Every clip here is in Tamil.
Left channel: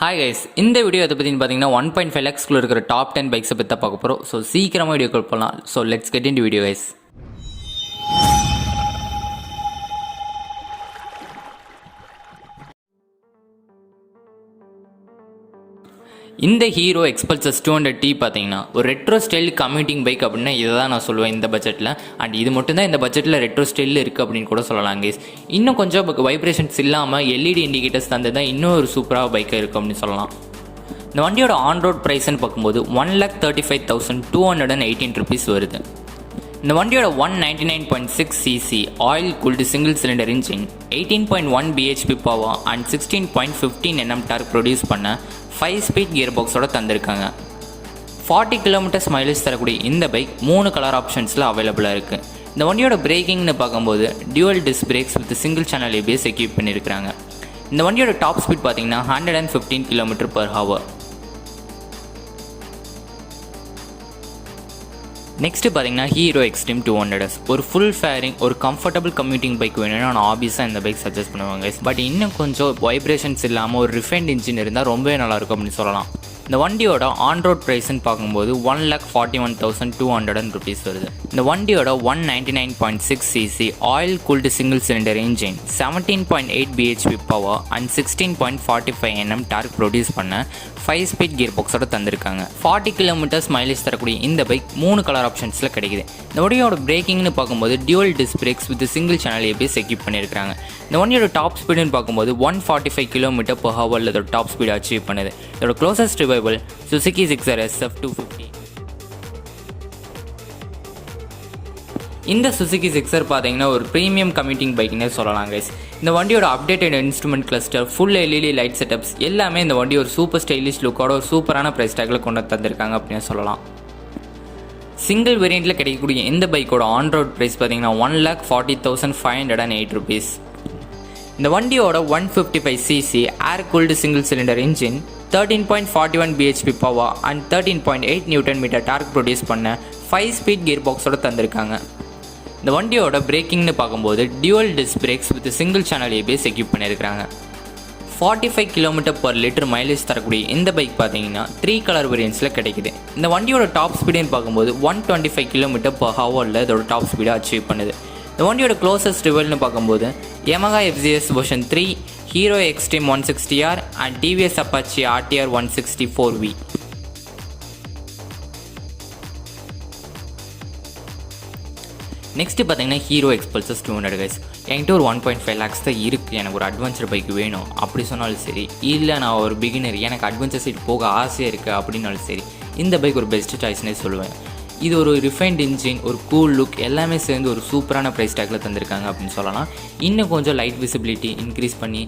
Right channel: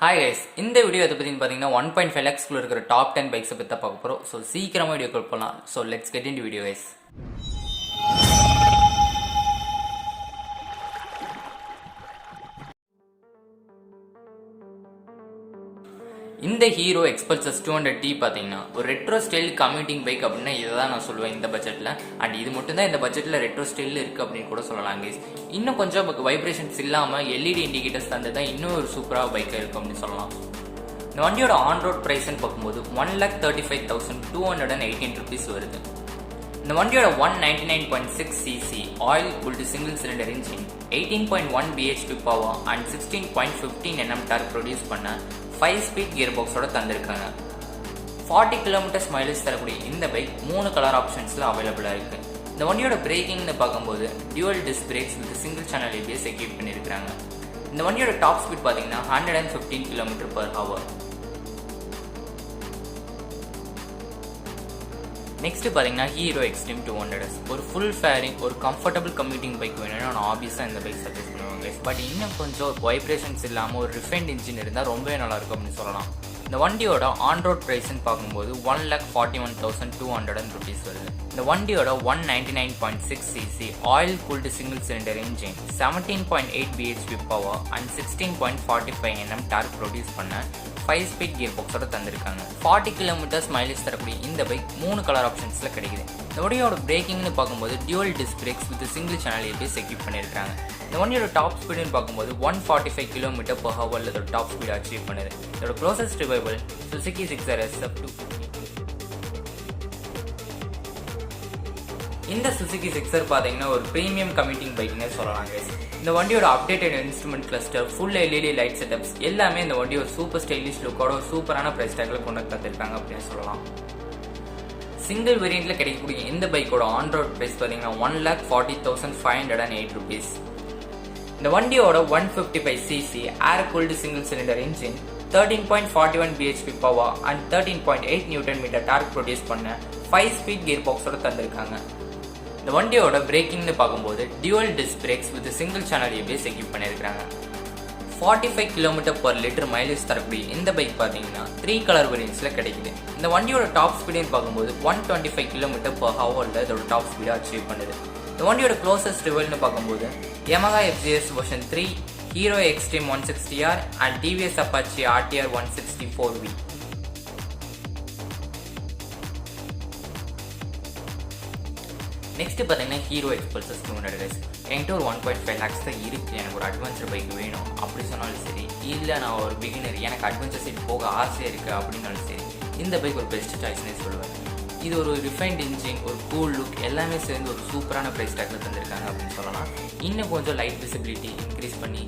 ஹாய் கைஸ், இந்த வீடியோ எதை பற்றின்னு பார்த்தீங்கன்னா 1.5 lakhsக்குள்ள இருக்கிற டாப் 10 பைக்ஸை பற்றி தான் பார்க்க போகிறோம். ஸோ சீக்கிரமாக வீடியோ கால் பண்ணலாம். So let's get in video guys. இந்த ஹீரோ எக்ஸ்பல்சஸ் 200T பார்த்தீங்கன்னா ஒரு ரெட்ரோ ஸ்டைல் கம்யூட்டிங் பைக் அப்படின்னு இதை தான் நான் சொல்லுவேன் இந்த பட்ஜெட்டில். அண்ட் இது மட்டும்தான் இந்த பட்ஜெட்டில் ரெட்ரோ ஸ்டைலில் இருக்குது அப்படின்னு கூட சொல்லலாம் கைஸ். இன்னும் கொஞ்சம் வைப்ரேஷன்ஸ் இல்லாமல் எல்இடி இண்டிகேட்டர்ஸ் தந்து தான் இன்னும் ஒரு சூப்பராக பைக்காக இருக்குது அப்படின்னு சொல்லலாம். இந்த வண்டியோட ஆன் ரோட் ப்ரைஸ்ன்னு பார்க்கும்போது 1,35,218 rupees வருது. இந்த வண்டியோட 199.6cc oil cooled single cylinder engine 18.1 bhp power and 16.15 Nm torque produce பண்ண 5 ஸ்பீட் கியர் பாக்ஸோட தந்திருக்காங்க. 40 கிலோமீட்டர்ஸ் மைலேஜ் தரக்கூடிய இந்த பைக் 3 கலர் ஆப்ஷன்ஸில் அவைலபிளாக இருக்குது. இந்த வண்டியோட பிரேக்கிங்னு பார்க்கும்போது dual disc brakes with single channel ABS equip பண்ணியிருக்காங்க. இந்த வண்டியோட டாப் ஸ்பீட் பார்த்தீங்கன்னா 115 km/h. நெக்ஸ்ட்டு பார்த்தீங்கன்னா ஹீரோ எக்ஸ்ட்ரீம் 200S ஒரு ஃபுல் ஃபேரிங் ஒரு கம்ஃபர்டபுள் கம்யூட்டிங் பைக் வேணும்னா நான் ஆப்வியஸாக இந்த பைக் சஜஸ்ட் பண்ணுவாங்க. பட் இன்னும் கொஞ்சம் வைப்ரேஷன்ஸ் இல்லாமல் ஒரு ரிஃபைன்ட் இன்ஜின் இருந்தால் ரொம்பவே நல்லாயிருக்கும் அப்படின்னு சொல்லலாம். இந்த வண்டியோட ஆன் ரோட் ப்ரைஸ்ன்னு பார்க்கும்போது 1,41,200 rupees வருது. இந்த வண்டியோட 199.6cc oil cooled single cylinder engine 17.8 bhp power and 16.45 Nm torque produce பண்ண 5 ஸ்பீட் கியர் பாக்ஸோட தந்திருக்காங்க. 40 கிலோமீட்டர்ஸ் மைலேஜ் தரக்கூடிய இந்த பைக் 3 கலர் ஆப்ஷன்ஸில் கிடைக்குது. இந்த வண்டியோட பிரேக்கிங்னு பார்க்கும்போது dual disc brakes with single channel ABS equip பண்ணியிருக்காங்க. இந்த வண்டியோட டாப் ஸ்பீடுன்னு பார்க்கும்போது 145 km/h இதோட டாப் ஸ்பீட் அச்சீவ் பண்ணுது. இதோட closest revival Suzuki Gixxer SF250. இந்த சுசுகி ஜிக்ஸர் பார்த்தீங்கன்னா ஒரு ப்ரீமியம் கம்யூட்டிங் பைக்னே சொல்லலாம் கைஸ். இந்த வண்டியோட updated instrument cluster full LED light setups எல்லாமே இந்த வண்டி ஒரு சூப்பர் ஸ்டைலிஷ் லுக்கோட ஒரு சூப்பரான ப்ரைஸ் டேக்கில் கொண்டு தந்திருக்காங்க அப்படின்னு சொல்லலாம். சிங்கிள் வேரியண்ட்டில் கிடைக்கக்கூடிய இந்த பைக்கோட ஆன் ரோட் ப்ரைஸ் பார்த்தீங்கன்னா 1,40,508 rupees. இந்த வண்டியோட 155cc air cooled single cylinder engine 13.41 bhp power and 13.8 Nm torque produce பண்ண 5 ஸ்பீட் கியர் பாக்ஸோட தந்திருக்காங்க. இந்த வண்டியோட பிரேக்கிங்னு பார்க்கும்போது dual disc brakes with single channel ABS equip பண்ணியிருக்காங்க. 45 km/l மைலேஜ் தரக்கூடிய இந்த பைக் பார்த்தீங்கன்னா 3 கலர் வேரியன்ஸில் கிடைக்குது. இந்த வண்டியோட டாப் ஸ்பீடுன்னு பார்க்கும்போது 125 km/h இதோட டாப் ஸ்பீடை அச்சீவ் பண்ணுது. இந்த வண்டியோட க்ளோசஸ்ட் ரிவல்னு பார்க்கும்போது Yamaha FZS version 3, hero Xtreme 160R and TVS Apache RTR 164V. Next பார்த்தீங்கன்னா ஹீரோ எக்ஸ்பல்சஸ் 200 கைஸ். என்கிட்ட ஒரு 1.5 lakhs தான் இருக்குது. எனக்கு ஒரு அட்வென்ச்சர் பைக் வேணும் அப்படி சொன்னாலும் சரி, இல்லை நான் ஒரு பிகினர் எனக்கு அட்வென்ச்சர் சைட் போக ஆசையாக இருக்குது அப்படின்னாலும் சரி, இந்த பைக் ஒரு பெஸ்ட் சாய்ஸ்னே சொல்லுவேன். இது ஒரு ரிஃபைன்ட் இன்ஜின், ஒரு கூல் லுக் எல்லாமே சேர்ந்து ஒரு சூப்பரான ப்ரைஸ் டேக்கில் தந்திருக்காங்க அப்படின்னு சொல்லலாம். இன்னும் கொஞ்சம் லைட் விசிபிலிட்டி இன்க்ரீஸ் பண்ணி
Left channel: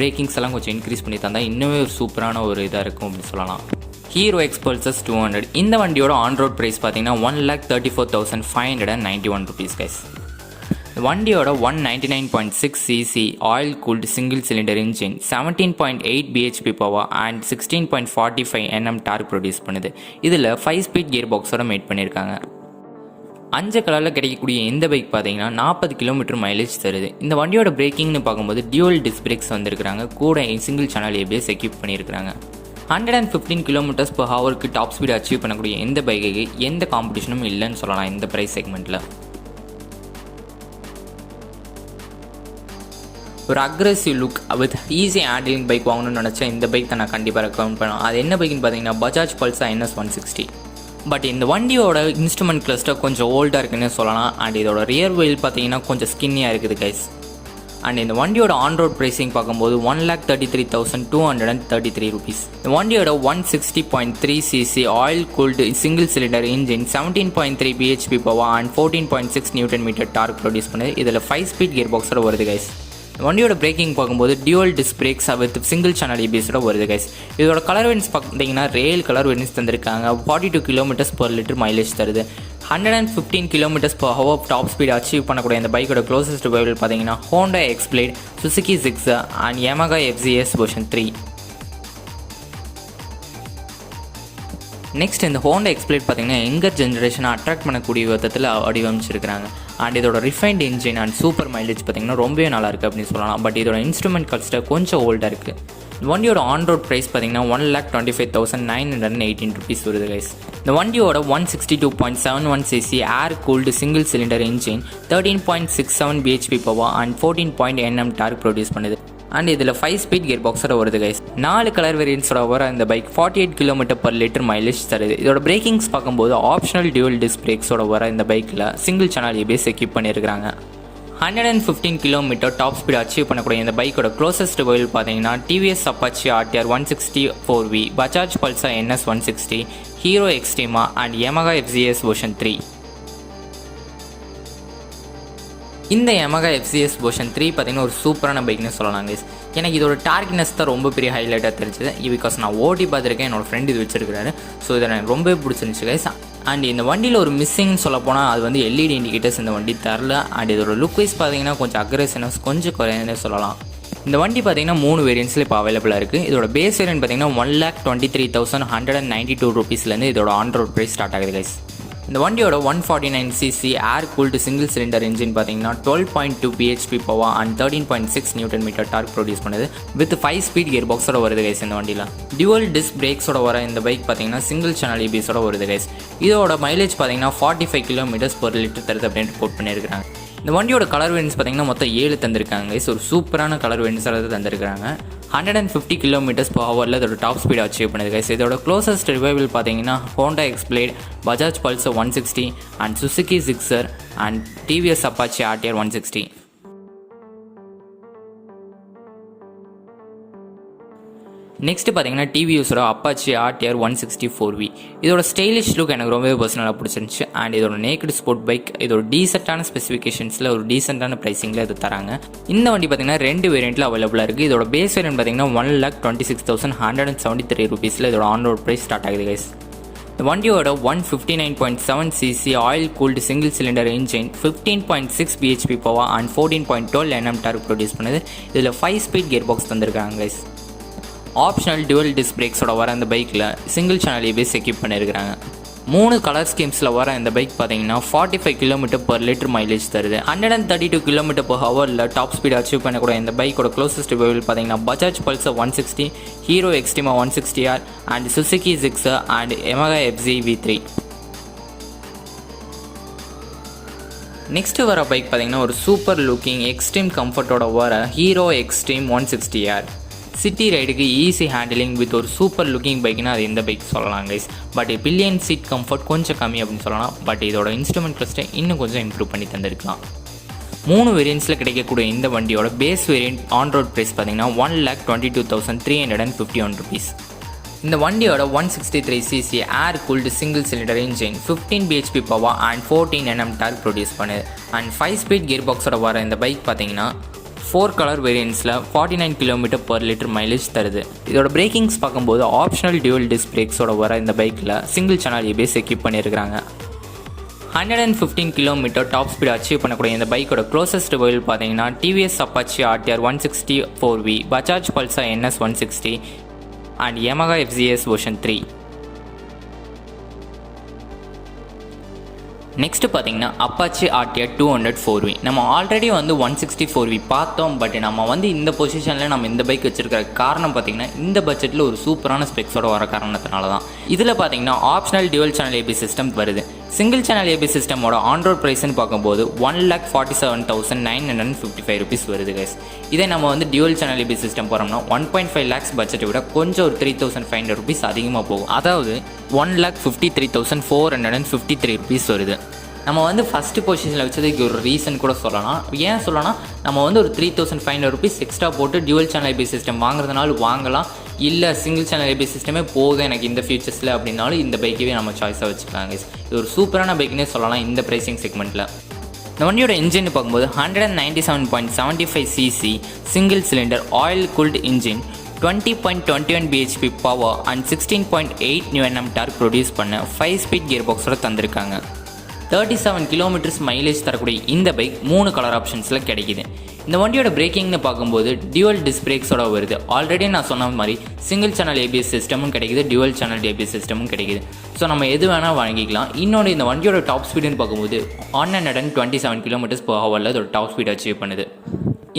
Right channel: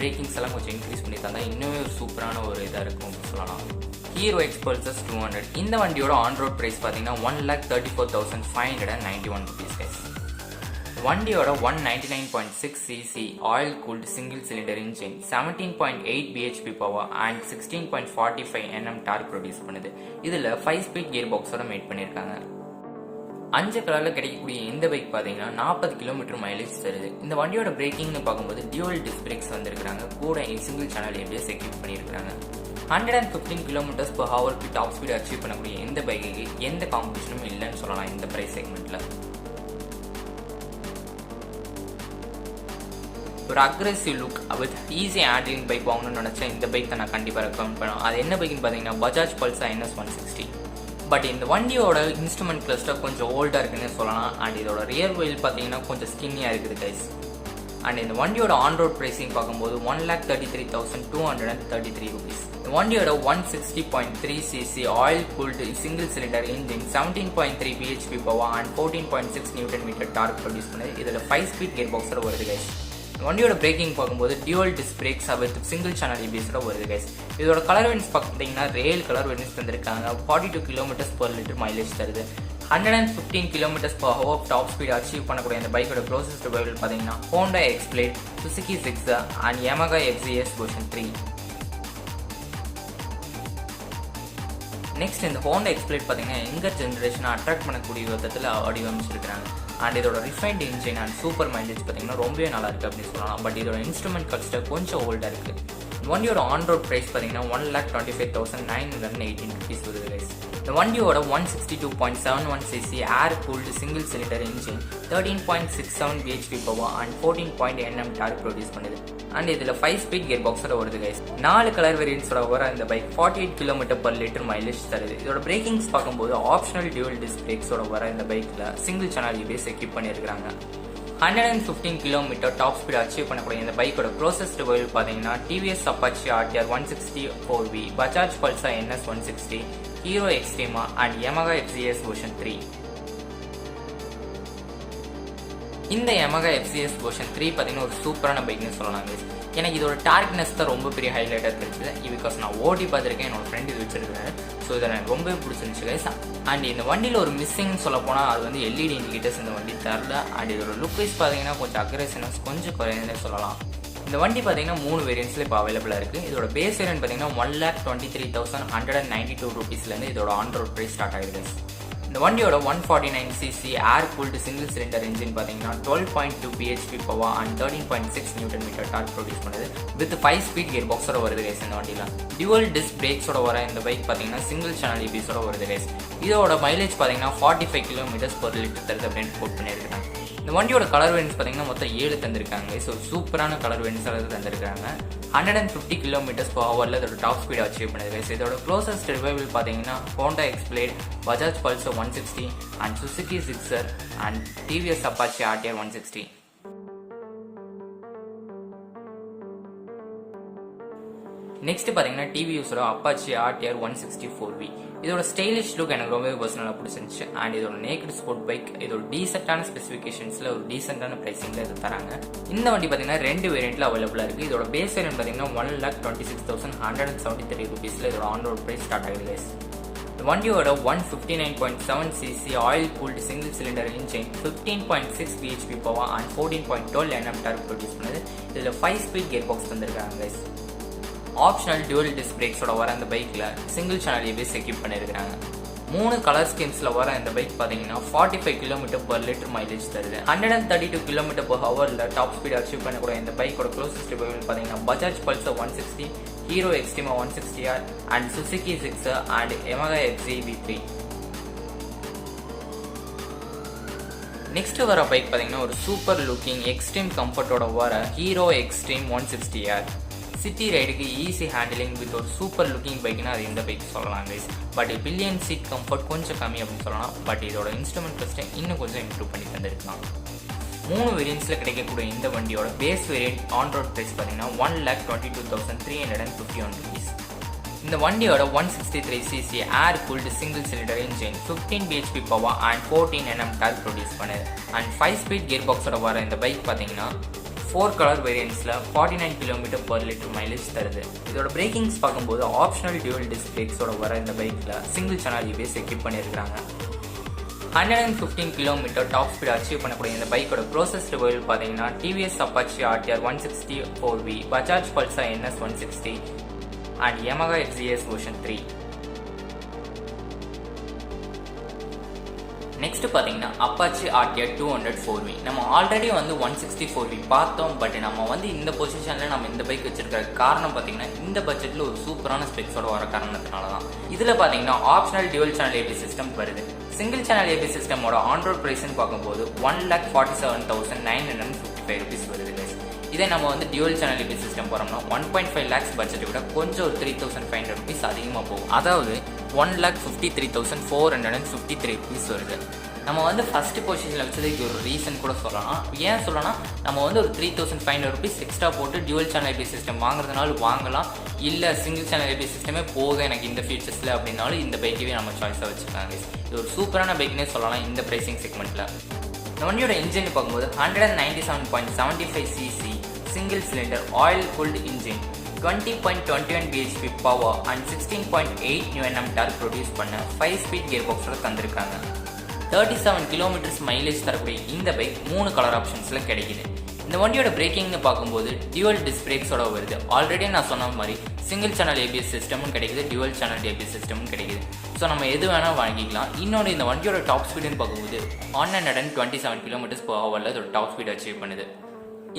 பிரேக்கிங்ஸ் எல்லாம் கொஞ்சம் இன்க்ரீஸ் பண்ணி தந்தால் இன்னுமே ஒரு சூப்பரான ஒரு இதாக இருக்கும் அப்படின்னு சொல்லலாம். ஹீரோ எக்ஸ்பல்சஸ் 200 இந்த வண்டியோட ஆன் ரோட் ப்ரைஸ் பார்த்தீங்கன்னா 1,34,591 rupees கைஸ். வண்டியோட 199.6cc oil cooled single cylinder engine 17.8 bhp power and 16.45 Nm torque produce பண்ணுது. இதில் 5 ஸ்பீட் கியர் பாக்ஸோட மேட் பண்ணியிருக்காங்க. 5 கலரில் கிடைக்கக்கூடிய இந்த பைக் பார்த்தீங்கன்னா 40 km மைலேஜ் தருது. இந்த வண்டியோட பிரேக்கிங்னு பார்க்கும்போது டியூவல் டிஸ்க் பிரேக்ஸ் வந்திருக்கிறாங்க, கூட சிங்கிள் சேனல் ABS எக்யூப் பண்ணியிருக்காங்க. 115 km/h டாப் ஸ்பீட் அச்சீவ் பண்ணக்கூடிய இந்த பைக்கு எந்த காம்படிஷனும் இல்லைன்னு சொல்லலாம் இந்த ப்ரைஸ் செக்மெண்ட்டில். ஒரு aggressive look with easy handling bike வாங்கணும்னு நினச்சா இந்த பைக் தான் நான் கண்டிப்பாக ரெக்கமெண்ட் பண்ணுவேன். அது என்ன பைக்குன்னு பார்த்தீங்கன்னா பஜாஜ் பல்சர் NS 160. பட் இந்த வண்டியோட இன்ஸ்ட்ருமெண்ட் கிளஸ்டர் கொஞ்சம் ஓல்டாக இருக்குன்னு சொல்லலாம். அண்ட் இதோட ரியர் வீல் பார்த்தீங்கன்னா கொஞ்சம் ஸ்கின்னியாக இருக்குது கைஸ். அண்ட் இந்த வண்டியோட ஆன் ரோட் ப்ரைஸிங் பார்க்கும்போது 1,33,233 rupees. இந்த வண்டியோட 160.3cc oil cooled single cylinder engine 17.3 bhp power and 14.6 Nm torque produce பண்ணுது. இதில் 5 ஸ்பீட் கியர் பாக்ஸோட வருது கைஸ். வண்டியோட பிரேக்கிங் பார்க்கும்போது dual disc brakes with single channel ABSோட வருது கைஸ். இதோட கலர் வேரியன்ஸ் பார்த்தீங்கன்னா ரேல் கலர் வேரியன்ஸ் தந்திருக்காங்க. 42 km/l மைலேஜ் தருது. 115 km/h டாப் ஸ்பீட் அச்சீவ் பண்ணக்கூடிய இந்த பைக்கோட க்ளோசஸ்ட் ரிவைவல் பார்த்தீங்கன்னா Honda Xblade, Suzuki Gixxer and Yamaha FZS version 3. Next இந்த ஹோண்டா எக்ஸ்பிளேட் பார்த்தீங்கன்னா எங்கர் ஜென்ரேஷனை அட்ராக்ட் பண்ணக்கூடிய விதத்தில் வடிவமைச்சிருக்கிறாங்க. அண்ட் இதோட refined engine and super mileage பார்த்தீங்கன்னா ரொம்பவே நல்லா இருக்குது அப்படின்னு சொல்லலாம். பட் இதோட இன்ஸ்ட்ருமெண்ட் கிளஸ்டர் கொஞ்சம் ஓல்டாக இருக்குது. வண்டியோட ஆன் ரோட் ப்ரைஸ் பார்த்தீங்கன்னா 1,25,918 ருபீஸ் வருது கைஸ். இந்த வண்டியோட 162.71 cc air cooled single cylinder engine 13.67 bhp power and 14 Nm torque produce பண்ணுது. அண்ட் இதில் 5 ஸ்பீட் கியர் பாக்ஸோட வருது கைஸ். 4 கலர் வேரியன்ஸோட வர இந்த பைக் 48 km/லிட்டர் மைலேஜ் தருது. இதோட பிரேக்கிங்ஸ் பார்க்கும்போது ஆப்ஷனல் டியூவல் டிஸ்க் பிரேக்ஸோட வர இந்த பைக்கில் சிங்கிள் சேனல் ABS எக்யூப் பண்ணியிருக்காங்க. 115 km டாப் ஸ்பீட் அச்சீவ் பண்ணக்கூடிய இந்த பைக்கோட க்ளோசஸ்ட் வெஹிக்கிள் பார்த்தீங்கன்னா TVS Apache RTR 160 4V, Bajaj Pulsar NS 160, Hero Xtreme and Yamaha FZS version 3. இந்த Yamaha FZS வெர்ஷன் 3 பார்த்தீங்கன்னா ஒரு சூப்பரான பைக்னு சொல்லலாம் கைஸ். எனக்கு இதோட டார்க்னஸ் தான் ரொம்ப பெரிய ஹைலைட்டாக தெரிஞ்சது. பிகாஸ் நான் ஓட்டி பார்த்துருக்கேன், என்னோட ஃப்ரெண்டு இது வச்சிருக்காரு. ஸோ இதை எனக்கு ரொம்பவே பிடிச்சிருந்துச்சு கைஸ். அண்ட் இந்த வண்டியில் ஒரு மிஸ்ஸிங்னு சொல்ல போனால் அது வந்து LED இண்டிகேட்டர்ஸ் இந்த வண்டி தரல. அண்ட் இதோட லுக் வைஸ் பார்த்தீங்கன்னா கொஞ்சம் அக்ரெசிவ்னஸ் கொஞ்சம் குறையுதுன்னே சொல்லலாம். இந்த வண்டி பார்த்தீங்கன்னா 3 வேரியன்ட்ஸில் இப்போ அவைலபிளாக இருக்குது. இதோட பேஸ் வேரியன்ட் பார்த்தீங்கன்னா 1,23,192 ருபீஸ்லேருந்து இதோட ஆன் ரோட் ப்ரைஸ் ஸ்டார்ட் ஆகுது கைஸ். இந்த வண்டியோட 149 cc air cooled single cylinder engine பார்த்தீங்கன்னா 12.2 bhp power and 13.6 Nm torque produce பண்ணுது. வித் 5 ஸ்பீட் கியர் பாக்ஸோட வருது கைஸ். இந்த வண்டியில் டியூவல் டிஸ்க் பிரேக்ஸோட வர இந்த பைக் பார்த்தீங்கன்னா சிங்கிள் சேனல் ABSோட வருது கைஸ். இதோட மைலேஜ் பார்த்தீங்கன்னா 45 km/லிட்டர் தருது அப்படின்னு போட் பண்ணியிருக்காங்க. இந்த வண்டியோட கலர் வேரியன்ஸ் பார்த்தீங்கன்னா மொத்தம் 7 தந்திருக்காங்க கைஸ். ஒரு சூப்பரான கலர் வேரியன்ஸ் தந்திருக்காங்க. 150 km/h இதோட டாப் ஸ்பீட் அச்சீவ் பண்ணுது கைஸ். இதோட க்ளோசஸ்ட் ரிவைவல் பார்த்தீங்கன்னா Honda Xblade, Bajaj Pulsar 160 and Suzuki Gixxer and TVS Apache RTR 160. Next பார்த்தீங்கன்னா டிவிஎஸோட அப்பாச்சி RTR 160 4V. இதோட ஸ்டைலிஷ் லுக் எனக்கு ரொம்பவே பர்சனலாக பிடிச்சிருந்துச்சு. அண்ட் இதோட நேக்கட் ஸ்போர்ட் பைக், இதோட டீசெண்டான ஸ்பெசிஃபிகேஷன்ஸில் ஒரு டீசெண்டான ப்ரைஸிங்கில் இது தராங்க. இந்த வண்டி பார்த்தீங்கன்னா 2 வேரியண்ட்டில் அவைலபிளாக இருக்குது. இதோட பேஸ் வேரியன்ட் பார்த்தீங்கன்னா 1,26,173 ருபீஸில் இதோட ஆன் ரோட் ப்ரைஸ் ஸ்டார்ட் ஆகுது கைஸ். இந்த வண்டியோட 159.7 cc oil cooled single cylinder engine 15.6 bhp power and 14.12 Nm torque produce பண்ணுது. இதில் 5 ஸ்பீட் கியர் பாக்ஸ் தந்திருக்காங்க கைஸ். ஆப்ஷனல் டியூவல் டிஸ்க் பிரேக்ஸோட வர இந்த பைக்கில் சிங்கிள் சேனல் ABS எக்யூப் பண்ணியிருக்காங்க. 3 கலர் ஸ்கீம்ஸில் வர இந்த பைக் பார்த்தீங்கன்னா 45 km/லிட்டர் மைலேஜ் தருது. 132 km/h டாப் ஸ்பீட் அச்சீவ் பண்ணக்கூடிய இந்த பைக்கோட க்ளோசஸ்ட் வெஹிக்கிள் பார்த்தீங்கன்னா Bajaj Pulsar 160, Hero Xtreme 160R and Suzuki Gixxer and Yamaha FZV3. Next வர பைக் பார்த்தீங்கன்னா ஒரு சூப்பர் லுக்கிங் எக்ஸ்ட்ரீம் கம்ஃபர்ட்டோட வர ஹீரோ எக்ஸ்ட்ரீம் 160R. சிட்டி ரைடுக்கு ஈஸி ஹேண்டிலிங் வித் ஒரு சூப்பர் லுக்கிங் பைக்னா அது இந்த பைக் சொல்லலாம் guys. But pillion seat comfort கொஞ்சம் கம்மி அப்படின்னு சொல்லலாம். பட் இதோட இன்ஸ்ட்ருமெண்ட் கிளஸ்டர் இன்னும் கொஞ்சம் இம்ப்ரூவ் பண்ணி தந்திருக்கலாம். 3 வேரியன்ட்ஸில் கிடைக்கக்கூடிய இந்த வண்டியோட base variant on road price பார்த்தீங்கன்னா 1,22,351 ருபீஸ். இந்த வண்டியோட 163 cc air cooled single cylinder engine 15 bhp power and 14 Nm torque produce பண்ணுது. அண்ட் 5 ஸ்பீட் கியர் பாக்ஸோட வர இந்த பைக் பார்த்தீங்கன்னா 4 கலர் வேரியன்ட்ஸில் 49 km/லிட்டர் மைலேஜ் தருது. இதோட பிரேக்கிங்ஸ் பார்க்கும்போது ஆப்ஷனல் டியூவல் டிஸ்க் பிரேக்ஸோட வர இந்த பைக்கில் சிங்கிள் சேனல் ABS எக்யூப் பண்ணியிருக்காங்க. 115 km டாப் ஸ்பீட் அச்சீவ் பண்ணக்கூடிய இந்த பைக்கோட க்ளோசஸ்ட் வெஹிக்கிள் பார்த்தீங்கன்னா TVS Apache RTR 160 4V, Bajaj Pulsar NS 160 and Yamaha FZS version 3. Next பார்த்தீங்கன்னா அப்பாச்சி RTR 200 4V. நம்ம ஆல்ரெடி வந்து 160 4V பார்த்தோம். பட் நம்ம வந்து இந்த பொசிஷனில் நம்ம இந்த பைக் வச்சிருக்கிற காரணம் பார்த்தீங்கன்னா இந்த பட்ஜெட்டில் ஒரு சூப்பரான ஸ்பெக்ஸோட வர காரணத்தினால தான். இதில் பார்த்தீங்கன்னா optional dual channel ABS system வருது. சிங்கிள் சேனல் ABS சிஸ்டமோட ஆன் ரோட் ப்ரைஸ்ன்னு பார்க்கும்போது 1,47,955 ருபீஸ் வருது கைஸ். இதே நம்ம வந்து டியூவல் சேனல் ABS சிஸ்டம் போகிறோம்னா 1.5 lakhs பட்ஜெட்டை விட கொஞ்சம் ஒரு 3,500 ருபீஸ் அதிகமாக போகும். அதாவது 1,53,453 ருபீஸ் வருது. நம்ம வந்து ஃபஸ்ட்டு பொசிஷனில் வச்சதுக்கு ஒரு ரீசன் கூட சொல்லலாம். ஏன் சொல்லலாம், நம்ம வந்து ஒரு 3,500 ருபீஸ் எக்ஸ்ட்ரா போட்டு டியூவல் சேனல் ABS சிஸ்டம் வாங்குறதுனால வாங்கலாம். இல்லை சிங்கிள் சேனல் ABS சிஸ்டமே போக எனக்கு இந்த ஃபியூச்சர்ஸில் அப்படின்னாலும் இந்த பைக்கவே நம்ம சாய்ஸாக வச்சுருக்காங்க. இது ஒரு சூப்பரான பைக்னே சொல்லலாம் இந்த ப்ரைஸிங் செக்மெண்ட்டில். இந்த வண்டியோட இன்ஜின் பார்க்கும்போது 197.75 cc single cylinder oil cooled engine 20.21 bhp power and 16.8 Nm torque produce பண்ண 5 ஸ்பீட் கியர் பாக்ஸோட தந்திருக்காங்க. 37 km மைலேஜ் தரக்கூடிய இந்த பைக் 3 கலர் ஆப்ஷன்ஸில் கிடைக்குது. இந்த வண்டியோட பிரேக்கிங்னு பார்க்கும்போது டியூவல் டிஸ்க் பிரேக்ஸோட வருது. ஆல்ரெடி நான் சொன்ன மாதிரி சிங்கிள் சேனல் ABS சிஸ்டமும் கிடைக்குது, டியூவல் சேனல் ABS சிஸ்டமும் கிடைக்குது. ஸோ நம்ம எது வேணால் வாங்கிக்கலாம். இன்னொன்று இந்த வண்டியோட டாப் ஸ்பீடுன்னு பார்க்கும்போது 127 km/h இதோட டாப் ஸ்பீட் அச்சீவ் பண்ணுது.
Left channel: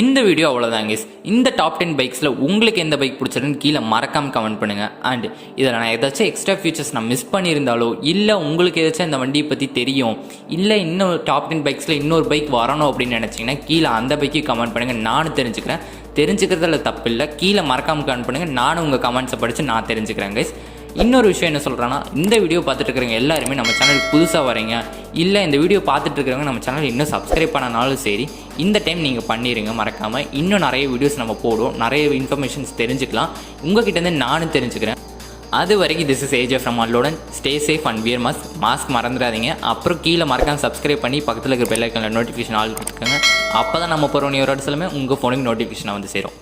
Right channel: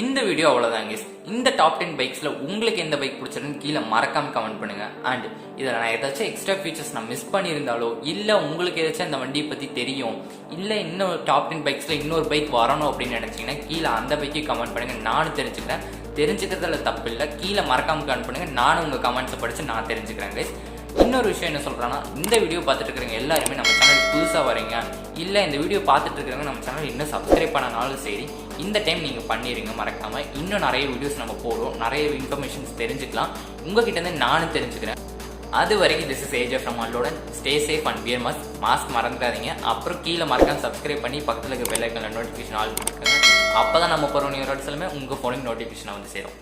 இந்த வீடியோ அவ்வளோதான் கைஸ். இந்த டாப் 10 பைக்ஸில் உங்களுக்கு எந்த பைக் பிடிச்சிருக்குன்னு கீழே மறக்காமல் கமெண்ட் பண்ணுங்கள். அண்ட் இதில் நான் ஏதாச்சும் எக்ஸ்ட்ரா ஃபீச்சர்ஸ் நான் மிஸ் பண்ணியிருந்தாலோ, இல்லை உங்களுக்கு ஏதாச்சும் அந்த வண்டியை பற்றி தெரியும், இல்லை இன்னும் டாப் 10 பைக்ஸில் இன்னொரு பைக் வரணும் அப்படின்னு நினச்சிங்கன்னா கீழே அந்த பைக்கு கமெண்ட் பண்ணுங்கள். நானும் தெரிஞ்சுக்கிறேன். தெரிஞ்சுக்கிறதுல தப்பு இல்லை. கீழே மறக்காமல் கமெண்ட் பண்ணுங்கள். நானும் உங்கள் கமெண்ட்ஸை படித்து நான் தெரிஞ்சுக்கிறேன் கைஸ். இன்னொரு விஷயம் என்ன சொல்கிறேன்னா, இந்த வீடியோ பார்த்துட்டு இருக்கிறவங்க எல்லாருமே நம்ம சேனல் புதுசாக வரீங்க, இல்லை இந்த வீடியோ பார்த்துட்டு இருக்கிறவங்க நம்ம சேனல் இன்னும் சப்ஸ்கிரைப் பண்ணனாலும் சரி, இந்த டைம் நீங்கள் பண்ணிடுங்க மறக்காமல். இன்னும் நிறைய வீடியோஸ் நம்ம போடுவோம், நிறைய இன்ஃபர்மேஷன்ஸ் தெரிஞ்சுக்கலாம். உங்ககிட்டேருந்து நானும் தெரிஞ்சுக்கிறேன். அது வரைக்கும் திஸ் இஸ் ஏஜ் ஃப்ரம் அட்லோடன். Stay safe and wear mask மறந்துடாதீங்க. அப்புறம் கீழே மறக்காமல் சப்ஸ்கிரைப் பண்ணி பக்கத்தில் இருக்கிற பெல் ஐக்கானில் நோட்டிஃபிகேஷன் ஆல் கொடுத்துக்கோங்க. அப்போ தான் நம்ம போகிற நியூ ரோட்ஸ் எல்லாமே உங்கள் ஃபோனுக்கு நோட்டிஃபிகேஷனாக வந்து சேரும்.